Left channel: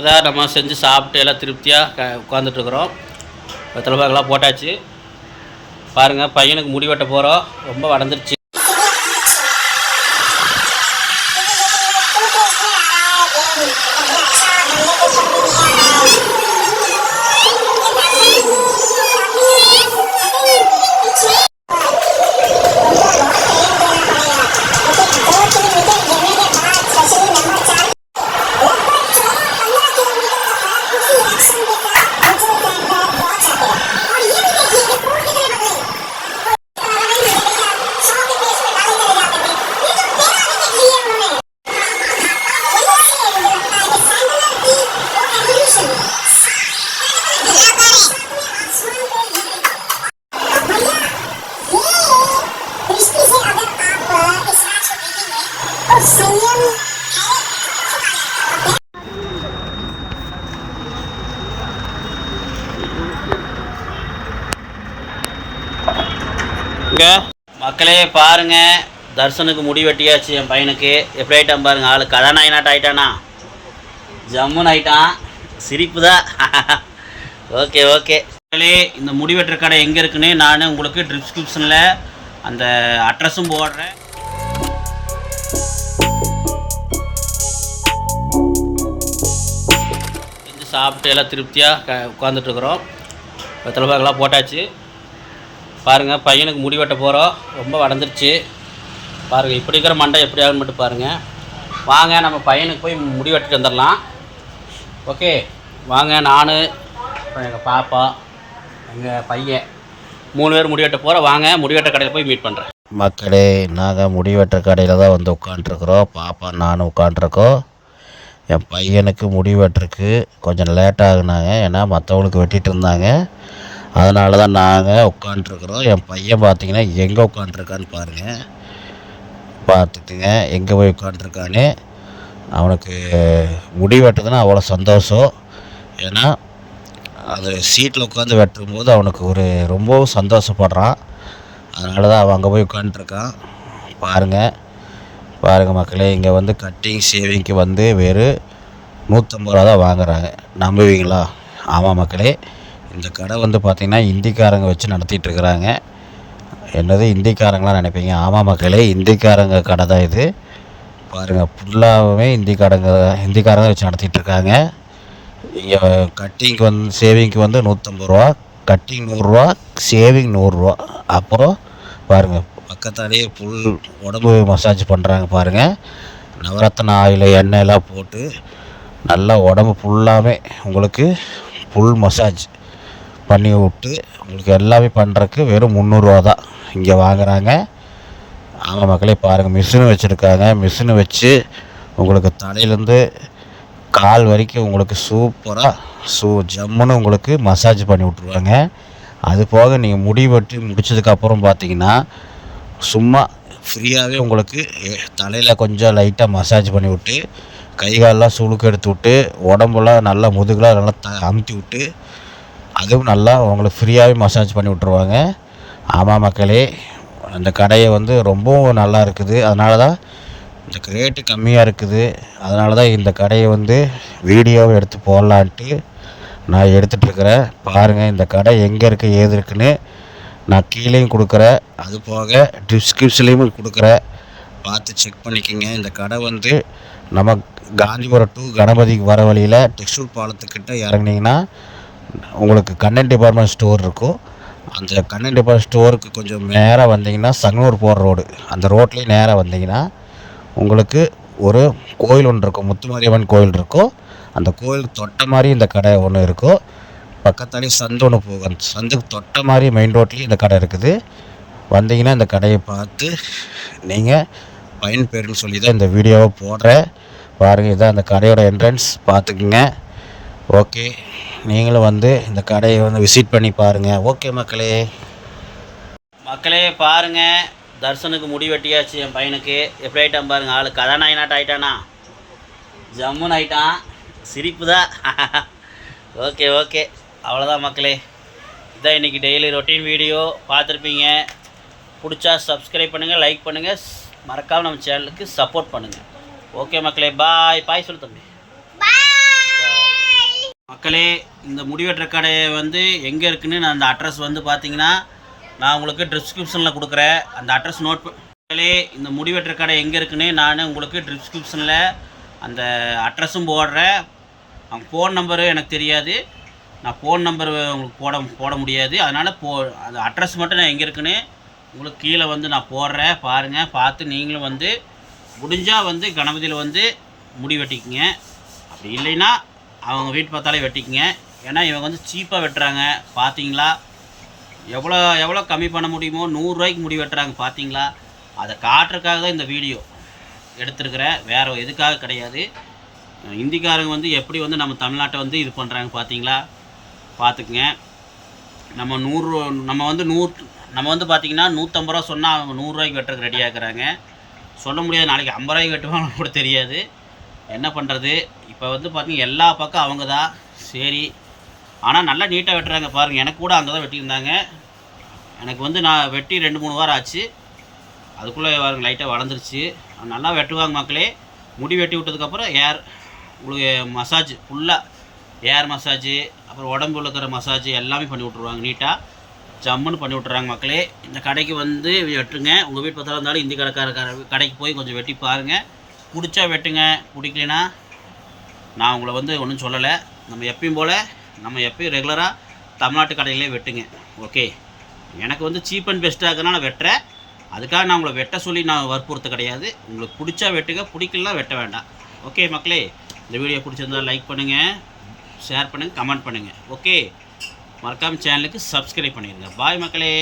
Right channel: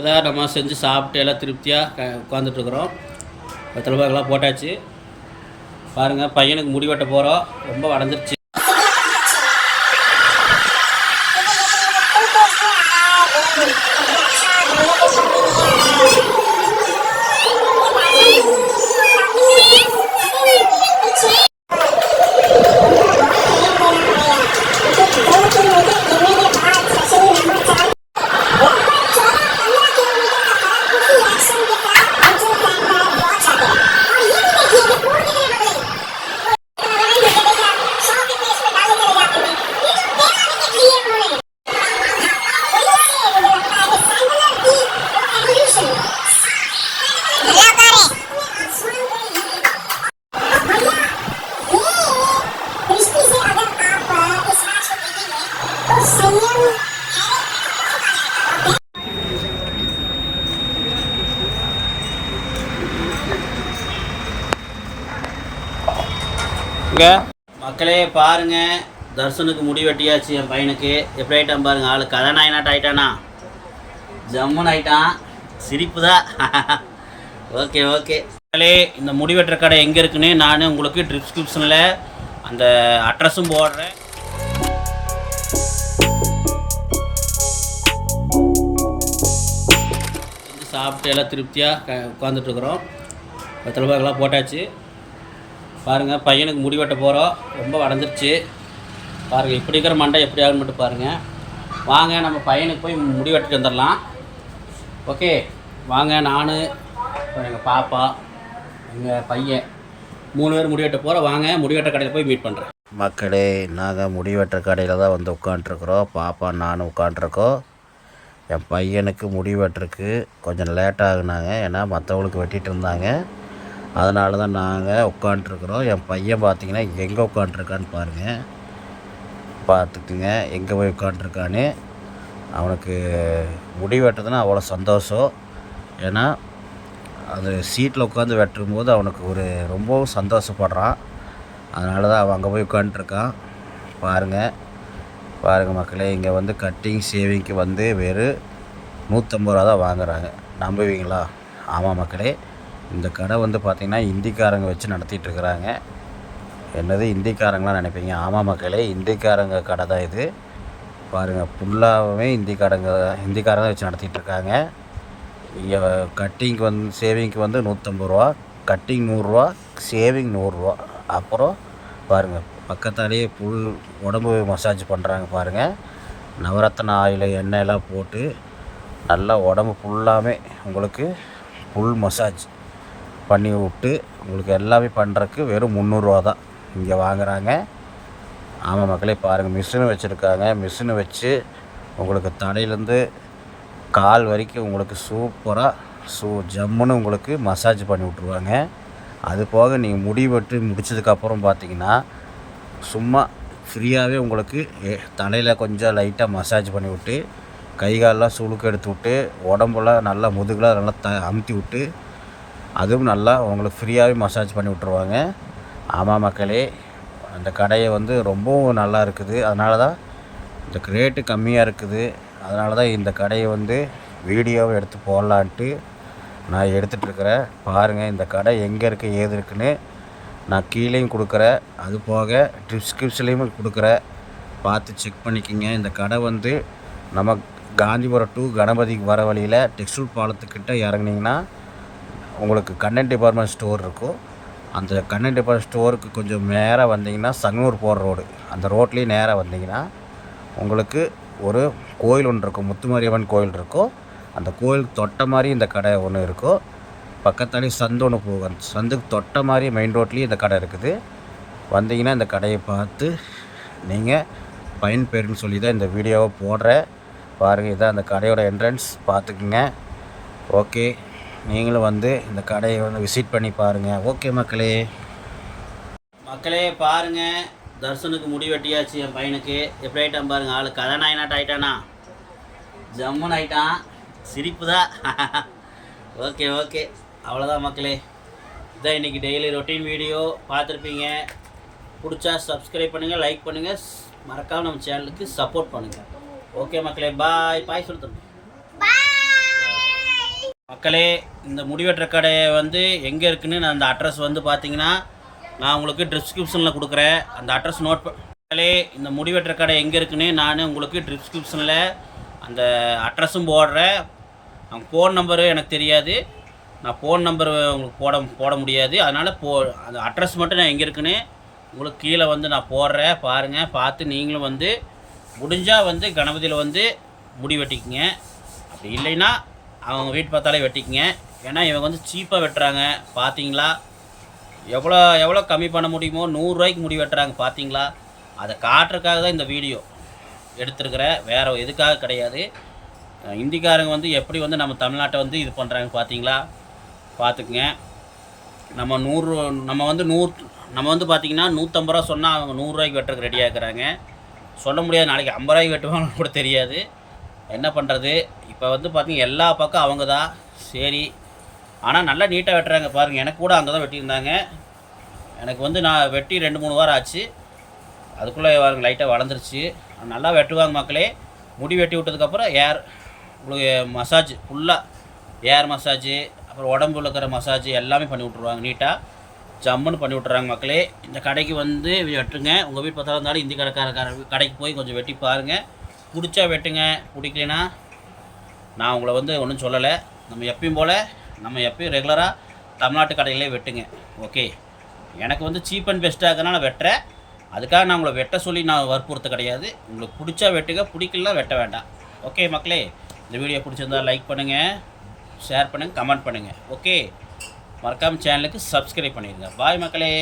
இப்போ தான் நம்ம செஞ்சு சாப்பிட்டு எல்லாம் திருப்தியாக உட்காந்துட்ருக்குறோம். வெத்தலை பாக்கெல்லாம் போட்டாச்சு. பாருங்கள், பையனுக்கு முடி வெட்ட போகிறோம். ரொம்ப வளர்ந்துருச்சு. இங்கே மக்களே பாருங்கள், தர்சனுக்கு முடி வெட்டியாச்சு. என் பையனுக்கு எப்படி ஆகிட்டான் பாருங்கள். ஆளு கதாநாயகனாட்ட ஆகிட்டானா, ஜம்முன்னு ஆகிட்டான். சிரிப்பு தான். ஓகே ஓகே மக்களே, இந்த முடி வெட்டுற கடை எங்கே இருக்குன்னு நான் உங்களுக்கு டிஸ்கிரிப்ஷனில் அந்த அட்ரஸும் போடுறேன். சாப்பிட்டு எல்லாம் திருப்தியாக உட்காந்துட்ருக்குறோம். வெத்தலை பாக்கெல்லாம் போட்டாச்சு. பாருங்கள், பையனுக்கு முடி வெட்ட போகிறோம். ரொம்ப வளர்ந்துருச்சு. பாருங்கள், இப்படி இருக்கிற மண்டை எப்படி ஆகுன்னு மட்டும் பாருங்கள். வாங்க, நம்ம பையனுக்கு போய் முடி வெட்டிட்டு வந்துடலாம். ஓகே வாங்க. நான் எங்கள் பாப்பா, எங்கள் பையன் 3 பேர் முடி வெட்ட போகிறோம். வாங்க, முடி வெட்ட கடையில் போய் மீட் பண்ணுறேன். மக்களே, நாங்கள் முடி வெட்ட கடையில் தான் வந்து உட்காண்ட்ருக்குறோம். பாப்பா நானும் உட்காண்ட்ருக்கோம். என் பையனுக்கு முடி வெட்டுறதுக்கு கொஞ்சம் லேட் ஆகுனாங்க. ஏன்னா மற்றவங்களுக்கு வெட்டிகிட்டு இருந்தாங்க. அதனால தான் நாங்கள் உட்காண்ட்ருக்குறோம். என் பையன் பார்த்திங்கன்னா எங்கே உட்காண்ட்ருக்கான்னு பாருங்கள். பார்த்துக்குங்க எங்கே போய் உட்காண்ட்ருக்கான்னு. அவனுக்கு முடி வெட்டுதுன்னா அவ்வளோ சந்தோஷம். ஏன்னா அது சீட்டில் உட்காந்து வெட்டும்போது அவனுக்கு ரொம்பவும் சந்தோஷப்படுறான். அதனால தான் அவன் அங்கே போய் உட்காண்ட்ருக்கான். பாருங்கள் மக்களே, இங்கே வந்து கட்டிங் ஷேவிங்க்கு வந்து வெறும் 150 ரூபா தான் வாங்குகிறாங்க. நம்புவீங்களா? ஆமாம் மக்களே, இந்த கடை வந்து பார்த்திங்கன்னா இந்திக்காரங்க வச்சு நடத்திட்டுருக்குறாங்க. என்னது இந்திக்காரங்களாம் நினைப்பீங்க? ஆமாம் மக்களே, இந்திக்காரங்க கடை தான் இது. பாருங்கள், ஃபுல்லாகவே இந்திக்காரங்க வச்சு நடத்திட்டுருக்காங்க. இங்கே கட்டிங்க்கு வந்து ஷேவிங்க்கு வந்து 150 ரூபா, கட்டிங் 100 ரூபா, ஷேவிங் 100 ரூபா. அப்புறம் பாருங்கள், பக்கத்தாலேயே ஃபுல் உடம்பு மசாஜ் பண்ணுறாங்க. பாருங்கள், நவரத்ன ஆயில் எண்ணெயெல்லாம் போட்டு நல்லா உடம்பு ஃபுல்லாகவே உங்களுக்கு ஃபுல் மசாஜ் பண்ணி விட்டு உங்களுக்கு எல்லாமே பண்ணுறதுக்கு வெறும் 300 ரூபா தான் இங்கே வாங்குகிறாங்க. ஆமாம் மக்களே, பாருங்கள், மிஷினு வச்சுருக்காங்க. மிஷினு வச்சு உங்களுக்கு தலையிலேருந்து கால் வரைக்கும் உங்களுக்கு சூப்பராக ஜம்முன்னு உங்களுக்கு மசாஜ் பண்ணி விட்ருவாங்க. அது போக நீங்கள் முடி வெட்டு முடிச்சதுக்கப்புறம் பார்த்தீங்கன்னா சும்மா ஃப்ரீயாகவே உங்களுக்கு தலையில் கொஞ்சம் லைட்டாக மசாஜ் பண்ணி விட்டு, கை காலெலாம் சுளுக்கு எடுத்து விட்டு, உடம்புலாம் நல்லா முதுகெலாம் நல்லா அமுத்தி விட்டு, அதுவும் நல்லா உங்களுக்கு ஃப்ரீயாகவே மசாஜ் பண்ணி விட்ருவாங்க. ஆமாம் மக்களே, அந்த கடையை வந்து ரொம்பவும் நல்லா இருக்குது. அதனால தான் இந்த ரேட்டு கம்மியாக இருக்குது. அதனால தான் இந்த கடையை வந்து வீடியோவை எடுத்து போடலான்ட்டு நான் எடுத்துகிட்ருக்கிறேன். பாருங்கள், இந்த கடை எங்கே இருக்குது ஏது இருக்குன்னு நான் கீழேயும் கொடுக்குறேன், அது போக டிஸ்கிரிப்ஷன்லேயும் கொடுக்குறேன். பார்த்து செக் பண்ணிக்கோங்க. இந்த கடை வந்து நம்ம காந்திபுரம் டு கணபதிக்கு வர வழியில் டெக்ஸ்டைல் பாலத்துக்கிட்ட இறங்குனீங்கன்னா உங்களுக்கு கண்ணன் டிபார்ட்மெண்ட் ஸ்டோர் இருக்கும். அந்த கண்ணன் டிபார்ட்மெண்ட் ஸ்டோருக்கு கொஞ்சம் நேராக வந்தீங்கன்னா சங்கனூர் போகிற ரோடு, அந்த ரோட்லேயே நேராக வந்தீங்கன்னா உங்களுக்கு ஒரு கோயில் ஒன்று இருக்கும், முத்துமாரியம்மன் கோயில் இருக்கும். அந்த கோயிலுக்கு தொட்ட மாதிரி இந்த கடை ஒன்று இருக்கும். பக்கத்தாலே சந்து ஒன்று போகும். அந்த சந்துக்கு தொட்ட மாதிரி மெயின் ரோட்லேயே இந்த கடை இருக்குது. வந்தீங்கன்னா இந்த கடையை பார்த்து நீங்கள் பயன்பெறுன்னு சொல்லி தான் இந்த வீடியோவை போடுறேன். பாருங்கள், இதான் அந்த கடையோட என்ட்ரன்ஸ், பார்த்துக்குங்க. ஓகே, நீங்களும் வந்து இந்த கடையை வந்து விசிட் பண்ணி பாருங்கள். ஓகே மக்களே பாருங்கள், தர்சனுக்கு முடி வெட்டியாச்சு. என் பையனுக்கு எப்படி ஆகிட்டான் பாருங்கள். ஆளு கதாநாயகனாட்ட ஆகிட்டானா, ஜம்முன்னு ஆகிட்டான். சிரிப்பு தான். ஓகே அவ்வளோதான் மக்களே. இதான் இன்றைக்கி டெய்லி ரொட்டீன் வீடியோ பார்த்துருப்பீங்க. பிடிச்சா சப்ஸ்கிரைப் பண்ணுங்கள், லைக் பண்ணுங்கள், மறக்காமல் நம்ம சேனலுக்கு சப்போர்ட் பண்ணுங்கள். ஓகே மக்களே, பாய் சொல்லு தம்பி. மக்களே, இந்த முடி வெட்டுற கடை வந்து எங்கே இருக்குதுன்னு நான் அந்த அட்ரஸ் வந்து பார்த்தீங்கன்னா நான் உங்களுக்கு டிஸ்கிரிப்ஷனில் கொடுக்குறேன். அந்த அட்ரஸ் நோட் மக்களே, இந்த முடி வெட்டுற கடை எங்கே இருக்குதுன்னு நான் உங்களுக்கு டிஸ்கிரிப்ஷனில் அந்த அட்ரஸும் போடுறேன். அவங்க ஃபோன் நம்பரு எனக்கு தெரியாது, நான் ஃபோன் நம்பர் உங்களுக்கு போட முடியாது. அதனால் அந்த அட்ரஸ் மட்டும் நான் எங்கே இருக்குன்னு உங்களுக்கு கீழே வந்து நான் போடுறேன். பாருங்கள், பார்த்து நீங்களும் வந்து முடிஞ்சால் வந்து கணபதியில் வந்து முடி வெட்டிக்குங்க. அப்படி இல்லைன்னா அவங்க வீட்டு பார்த்தாலே வெட்டிக்குங்க. ஏன்னா இவங்க வந்து சீப்பாக வெட்டுறாங்க. பார்த்தீங்களா, எவ்வளோ கம்மி பண்ண முடியுமோ 100 ரூபாய்க்கு முடி வெட்டுறாங்க. பார்த்தீங்களா, அதை காட்டுறதுக்காக தான் இந்த வீடியோ எடுத்துருக்கிறேன், வேறு எதுக்காக கிடையாது. இந்திக்காரங்க வந்து எப்படி வந்து நம்ம தமிழ்நாட்டை வந்து இது பண்ணுறாங்க பார்த்தீங்களா, பார்த்துக்குங்க. நம்ம வந்து பார்த்திங்கன்னா 150 ரூபா சொன்னால் அவங்க 100 ரூபாய்க்கு வெட்டுறதுக்கு ரெடியாக இருக்கிறாங்க. சொல்ல முடியாது, நாளைக்கு 50 ரூபாய்க்கு வெட்டுவாங்கன்னு கூட தெரியாது. என்ன பண்ணுறது, இப்போ வந்து பார்த்திங்கன்னா எல்லா பக்கம் அவங்க தான். சரி, ஆனால் நல்லா நீட்டாக வெட்டுறாங்க பாருங்கள். எனக்கு கூட அங்கே தான் வெட்டியிருந்தாங்க. எனக்கு வந்து நான் வெட்டி 2-3 வாரம் ஆச்சு. அதுக்குள்ளே லைட்டாக வளர்ந்துருச்சு. நல்லா வெட்டுவாங்க மக்களே. முடி வெட்டி விட்டதுக்கப்புறம் உங்களுக்கு மசாஜ் ஃபுல்லாக ஏர் மசாஜு, அப்புறம் உடம்புல இருக்கிற மசாஜ் எல்லாமே பண்ணி விட்ருவாங்க. நீட்டாக ஜம்முன்னு பண்ணி விட்றாங்க மக்களே. இந்த கடைக்கு வந்து வெட்டுங்க. உங்கள் வீட்டு பக்கத்தில் இருந்தாலும் இந்தி கடைக்கு போய் கொஞ்சம் வெட்டி பாருங்கள். பிடிச்சா வெட்டுங்க, பிடிக்கலனா நான் உங்களை வந்து ஒன்றும் சொல்லலை. நம்ம எப்பயும் ரெகுலராக தமிழ்நாட்டு கடையிலே வெட்டுங்க. ஓகே, எனக்கு வந்து சீப் அண்ட் பெஸ்ட்டாக இருக்கிறனால நான் வெட்டுறேன். அதுக்காக நான் உங்களை வெட்ட சொல்லி நான் வற்புறுத்த கிடையாது. உங்களுக்கு பிடிச்சா வெட்டுங்க, பிடிக்கலாம் வெட்ட வேண்டாம். ஓகே மக்களே, இந்த வீடியோ பிடிச்சிருந்தால் லைக் பண்ணுங்கள், ஷேர் பண்ணுங்கள், கமெண்ட் பண்ணுங்கள். ஓகே, மறக்காமல் சேனலுக்கு சப்ஸ்கிரைப் பண்ணிடுங்க. பாய் மக்களே.